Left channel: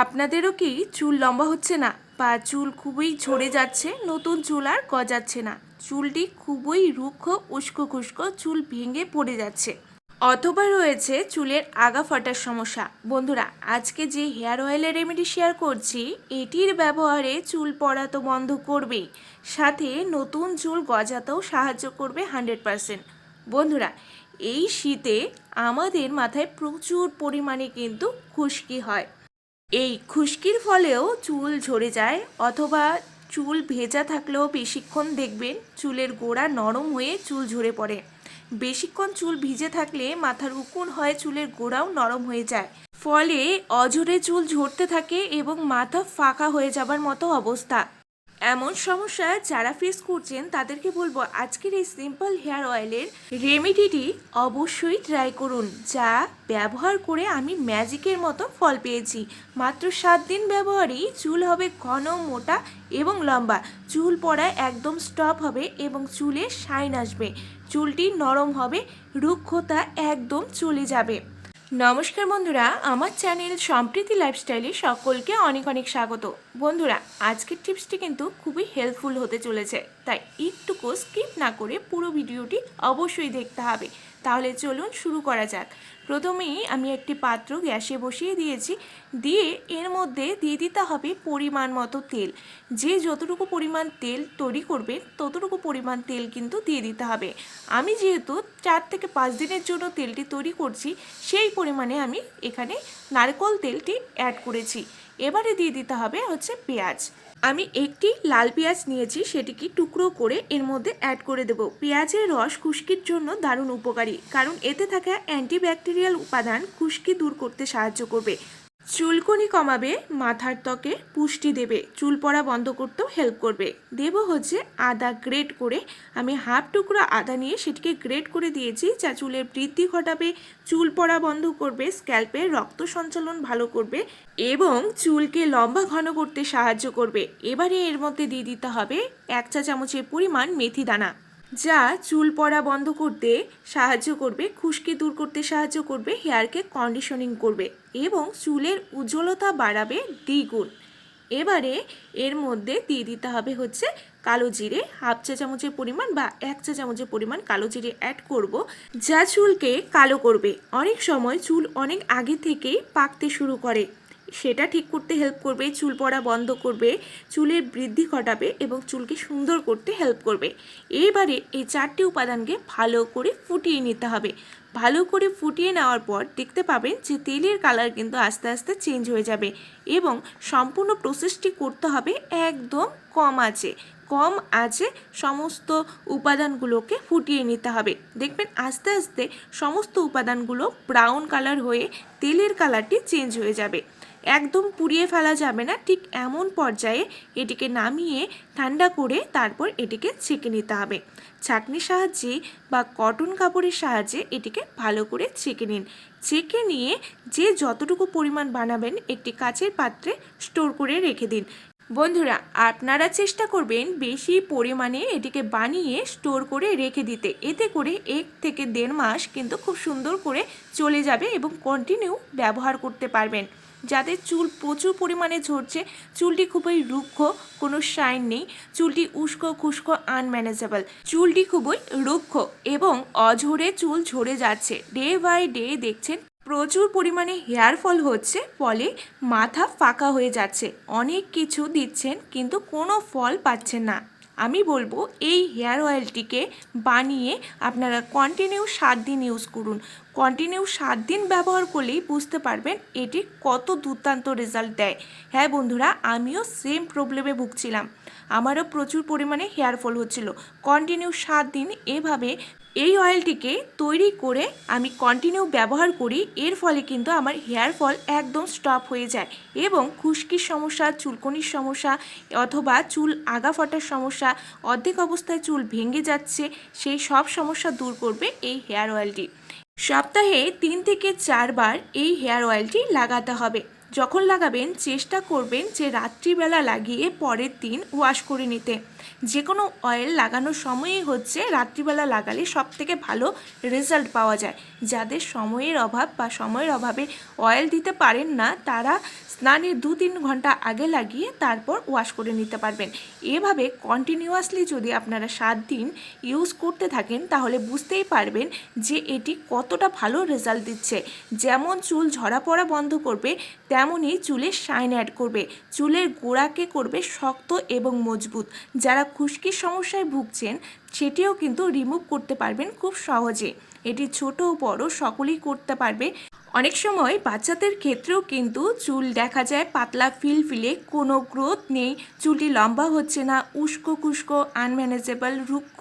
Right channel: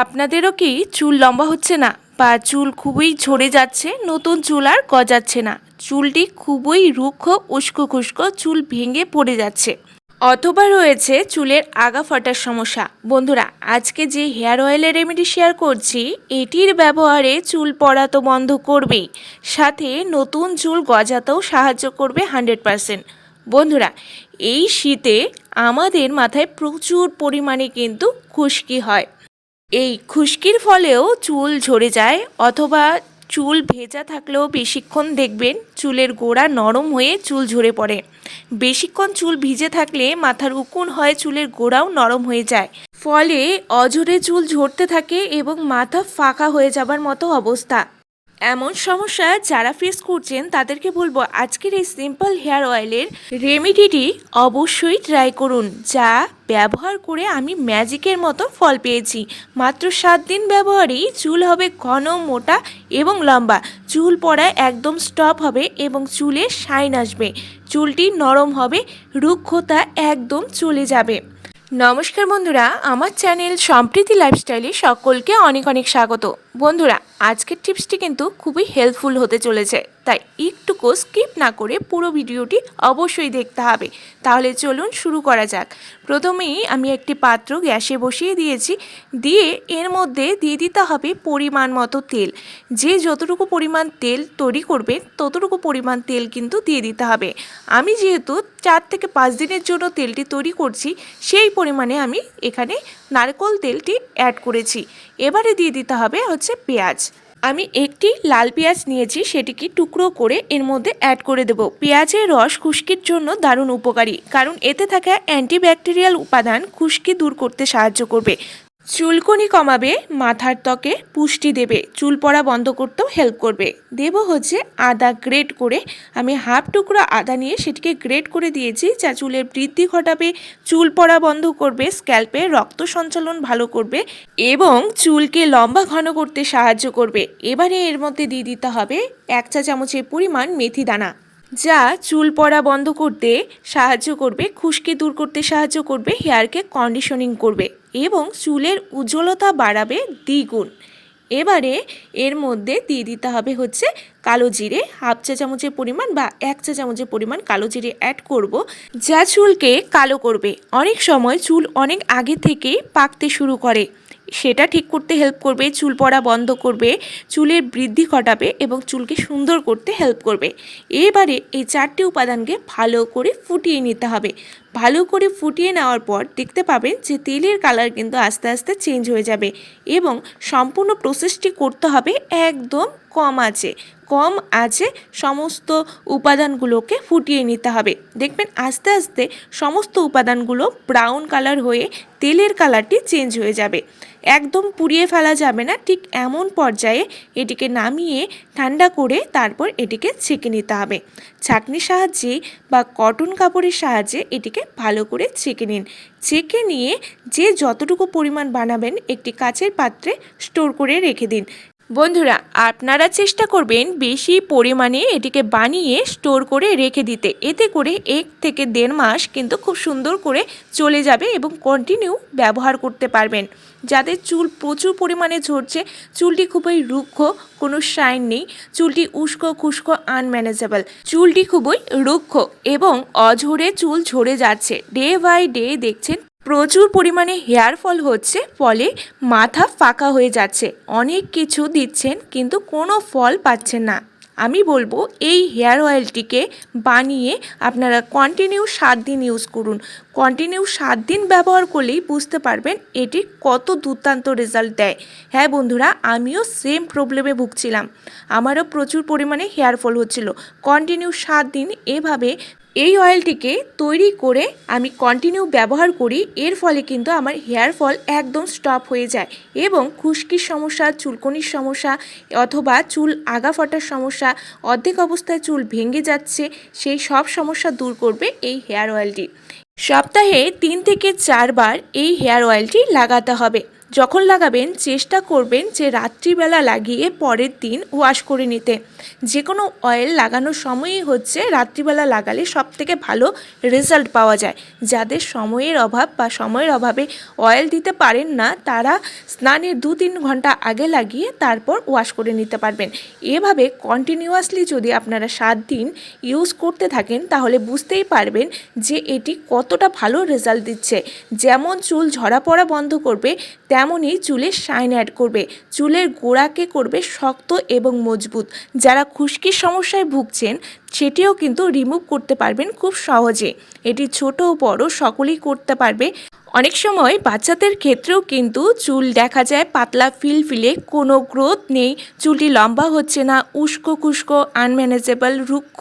আপনাদেরও কি চুল লম্বা হচ্ছে না? বা চুল খুবই ঝরে যাচ্ছে, নতুন চুল আর গজাচ্ছে না। চুলটি খুবই রুক্ষ, উস্কো খুস্কো চুল ভেঙে পড়ে যাচ্ছে। অথবা রয়েছে চুলের আগা ফাটার সমস্যা। বন্ধুরা, আজকে যে হেয়ার অয়েলের রেমেডি শেয়ার করছি, এটির ব্যবহারে চুল পড়া তো বন্ধ করবেই। সাথে নতুন চুল গজাতেও সাহায্য করবে হান্ড্রেড পারসেন্ট। বন্ধুরা, এই শীতে আমাদের মাথায় প্রচুর পরিমাণে কিন্তু খুশকি হয়। এই খুশকির ফলেও চুল ঝরে যায় অথবা চুল ভেজা থাকলেও বেশিক্ষণ দেখবেন চুলের গোড়া নরম হয়ে চুল ঝরে পড়ে। বেশিক্ষণ চুল ভিজে থাকলে মাথার উকুন হয় চুলের গোড়াও নরম হয়ে যায়। ফলে অজরে চুল ঝরতে থাকে এবং মাথা ফাঁকা হয়ে যাবার মতো অবস্থা। এমন সমস্যা যারা ফেস করছেন, তাদেরকে বলব আজকের এই সিম্পল হেয়ার অয়েলের রেমেডিটি অবশ্যই ট্রাই করুন, যা ব্যবহার করে আমি ম্যাজিকের মতো ফল পেয়েছি। মাত্র সাত দিন ব্যবহারেই চুল হবে ঘন, মোটা এবং লম্বা। চুল পড়া একদম স্টপ হবে এবং চুলে শাইন আসবে। চুলটি নরম হবে, রুক্ষতা একদম চলে যাবে। নমস্কার বন্ধুরা, আমার চ্যানেল সম্প্রীতি লাইফস্টাইলে সকলকে অনেক অনেক স্বাগত। বন্ধুরা, আজকের টিপসটি কিন্তু খুবই হেল্পফুল হতে চলেছে। তাই একটুকু স্কিপ না করে পুরো ভিডিওটি অবশ্যই দেখতে হবে। তাহলে চলুন শুরু করা যাক। প্রথমেই আমি একটি পাত্র গ্যাসে বসিয়ে দিয়েছি। দিয়ে এর মধ্যে দিয়ে দিতে হবে পরিমাণ মতো তেল। যে যতটুকু পরিমাণ তেল তৈরি করবে, ততটুকু পরিমাণ তেল কিন্তু দিয়ে দিতে হবে। আমি যেহেতু চার থেকে পাঁচ দিনের জন্য তেলটি তৈরি করছি, সেই পরিমাণে আমি এখানে নারকেল তেলটি অ্যাড করেছি। এবারে দিয়ে দিতে হবে হচ্ছে পেঁয়াজ। আমি একটি লাল পেঁয়াজ নিয়েছি, সেটিকে টুকরো করে এর মধ্যে অ্যাড করে দেব। পেঁয়াজের রস খুশকির জন্য দারুণ উপকারী, কারণ এতে থাকা অ্যান্টিব্যাকটেরিয়াল উপাদান খুশকি দূর করতে সাহায্য করবে। চুলকনি কমাবে, মাথার ত্বকে পুষ্টি দেবে চুল পড়া বন্ধ করতেও হেল্প করবে। দেব হচ্ছে আদা গ্রেট করে, আমি হাফ টুকরো আদা নিয়ে সেটিকে গ্রেট করে দিয়েছি যা চুলের বৃদ্ধি ঘটাবে চুল পড়া বন্ধ করবে স্ক্যাল্পে রক্ত সঞ্চালন ভালো করবে এবং চুলকে লম্বা ঘন করতে সাহায্য করবে। এবারে এর মধ্যে দিয়ে দিতে হবে এক চা চামচের পরিমাণ মেথি দানা। যা চুল পড়া বন্ধ করতে সাহায্য করবে, খুশকি দূর করতে সাহায্য করবে, হেয়ারকে কন্ডিশনিং করবে এবং চুলের উজ্জ্বলতা বাড়াবে দ্বিগুণ। এবারে এর মধ্যে দিয়ে দিতে হবে হচ্ছে কালো জিরে, হাফ চা চামচের পরিমাণ বা এক চা চামচের পরিমাণ কালো জিরে অ্যাড করব, যা চুলকে কালো করবে। অনেক সময় চুল অনেক আগে থেকেই পাকতে শুরু করে। সেটা ঠিক করতে হেল্প করবে, চুল পড়া বন্ধ করবে, চুলের বৃদ্ধি ঘটাবে এবং চুলকে সুন্দর করতে হেল্প করবে। এবারে এই চারটি উপাদানকে ভালো করে ফুটিয়ে নিতে হবে। ভালো করে ফুটিয়ে নেওয়ার পর দেখতে পাবেন যে তেলের কালার কিন্তু আস্তে আস্তে চেঞ্জ হয়ে যাবে এবং সম্পূর্ণ প্রসেসটি করতে হবে একদম কম আছে। কম আছে সমস্ত উপাদানগুলোকে ফুটিয়ে নিতে হবে। দেখবেন আস্তে আস্তে সমস্ত উপাদানগুলো ব্রাউন কালার হয়ে তেলের কালারটি চেঞ্জ হয়ে যাবে। একদম পুড়িয়ে ফেলা যাবে না, ঠিক এমন পর্যায়ে এটিকে নামিয়ে ঠান্ডা করে তারপর এটিকে ছেঁকে নিতে হবে। ছাঁকনির সাহায্যে বা কটন কাপড়ের সাহায্যে এটিকে ভালো করে ছেঁকে নিন। ছেঁকে নিয়ে যে যতটুকু পরিমাণ বানাবেন একটি কাচের পাত্রে স্টোর করে রেখে দিন। বন্ধুরা, আপনারা চেষ্টা করবেন বেশি পরিমাণে এটিকে বানিয়ে স্টোর করে রেখে দিতে। এতে করে এক থেকে দেড় মাস কিন্তু খুব সুন্দর করে চলে যাবে এবং কন্টিনিউ ব্যবহার করতে পারবেন। যাদের চুল প্রচুর পরিমাণে ঝরছে, চুলটি খুবই রুক্ষ, কোনো শাইন নেই, চুলটি উস্কো খুস্কো আনম্যানেজেবল চুলটি খুবই রুক্ষ এবং অঝরে চুল ঝরে যাচ্ছে। ডে বাই ডে দেখছেন প্রচুর পরিমাণে হেয়ার ফল হচ্ছে, ফলে মাথা ফাঁকা হয়ে যাচ্ছে। অনেক কিছু দিচ্ছেন, কিন্তু কোনো ফল পাচ্ছেন না। আমি বলব, এই হেয়ার অয়েলটিকে বানিয়ে আপনারা কন্টিনিউ সাত দিন ইউজ করুন। কন্টিনিউ সাত দিন ব্যবহার করলেই বুঝতে পারবেন এটি কত দুর্দান্ত রেজাল্ট দেয়। হ্যাঁ বন্ধুরা, আমিও সেম প্রবলেমে ভুগছিলাম। আমারও প্রচুর পরিমাণে হেয়ার ফল হচ্ছিল। কন্টিনিউ সাত দিন এভাবে এই অয়েলটিকে তৈরি করে আমি কন্টিনিউ ব্যবহার করি, এর ফলে কিন্তু আমার হেয়ার ফল একদম স্টপ হয়ে যায় এবং খুশকির সমস্যা, চুলকনির সমস্যা অথবা চুল আগা ফাটার সমস্যা, অর্ধেক অবস্থায় চুল ভেঙে যাচ্ছে, সেই সব সমস্যা দূর করবে এই হেয়ার অয়েলটি সপ্তাহে তিন থেকে চারবার এই হেয়ার অয়েলটি লাগাতে হবে। যখন লাগাবেন, চেষ্টা করবেন যে রাত্রিবেলা লাগিয়ে পরের দিন ওয়াশ করে নিতে। যে কোনো অয়েল লাগানোর সময়ই হচ্ছে রাত্রিবেলা লাগালে সব থেকে ভালো রেজাল্ট পাওয়া যায়। যাদের সময়ের অভাব বা সময়ের অভাবে অয়েল দিতে পারেন না, তারা স্নানের দু তিন ঘণ্টা আগে লাগিয়ে তারপর ওয়াশ করে নিতে পারবেন। এভাবে কন্টিনিউয়াসলি যদি আপনারা সাত দিন ইউজ করতে থাকেন, তাহলে বুঝতেই পারবেন যে এটি কতটা ভালো রেজাল্ট দিচ্ছে। যেমন চুল ঝরা পড়া বন্ধ করবে তেমনই চুলের শাইন অ্যাড করবে। চুলের গোড়াকে করবে শক্ত এবং মজবুত। যারা খুশকির সমস্যায় ভুগছেন, সেটিও কিন্তু রিমুভ করতে পারবেন খুব সহজে। এটি ছোট ও বড়, সকলেই করতে পারবে। অনেক সময় বাচ্চাদের ক্ষেত্রেও কিন্তু চুল দেখা যায় পাতলা ফিলফিলে, কোনো গ্রোথ নেই, চুলটি লম্বা হচ্ছে না, উস্কো খুস্কো, আনম্যানেজেবল, রুক্ষ,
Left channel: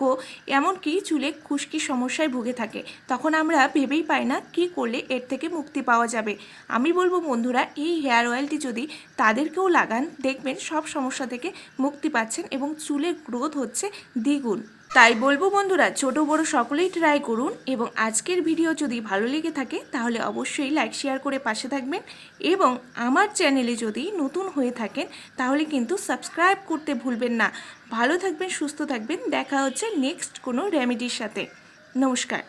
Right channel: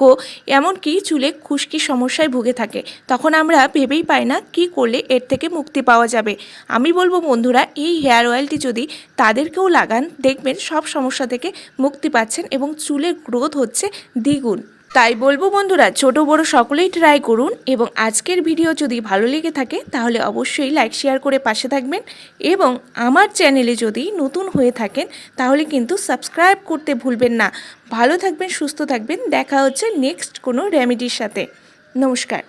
এমনকি চুলে খুশকি সমস্যায় ভুগে থাকে। তখন আমরা ভেবেই পাই না কি করলে এর থেকে মুক্তি পাওয়া যাবে। আমি বলব বন্ধুরা, এই হেয়ার অয়েলটি যদি তাদেরকেও লাগান, দেখবেন সব সমস্যা থেকে মুক্তি পাচ্ছেন এবং চুলের গ্রোথ হচ্ছে দ্বিগুণ। তাই বলব বন্ধুরা, ছোট বড় সকলেই ট্রাই করুন এবং আজকের ভিডিও যদি ভালো লেগে থাকে, তাহলে অবশ্যই লাইক শেয়ার করে পাশে থাকবেন এবং আমার চ্যানেলে যদি নতুন হয়ে থাকেন, তাহলে কিন্তু সাবস্ক্রাইব করতে ভুলবেন না। ভালো থাকবেন, সুস্থ থাকবেন, দেখা হচ্ছে নেক্সট কোনো রেমেডির সাথে। নমস্কার।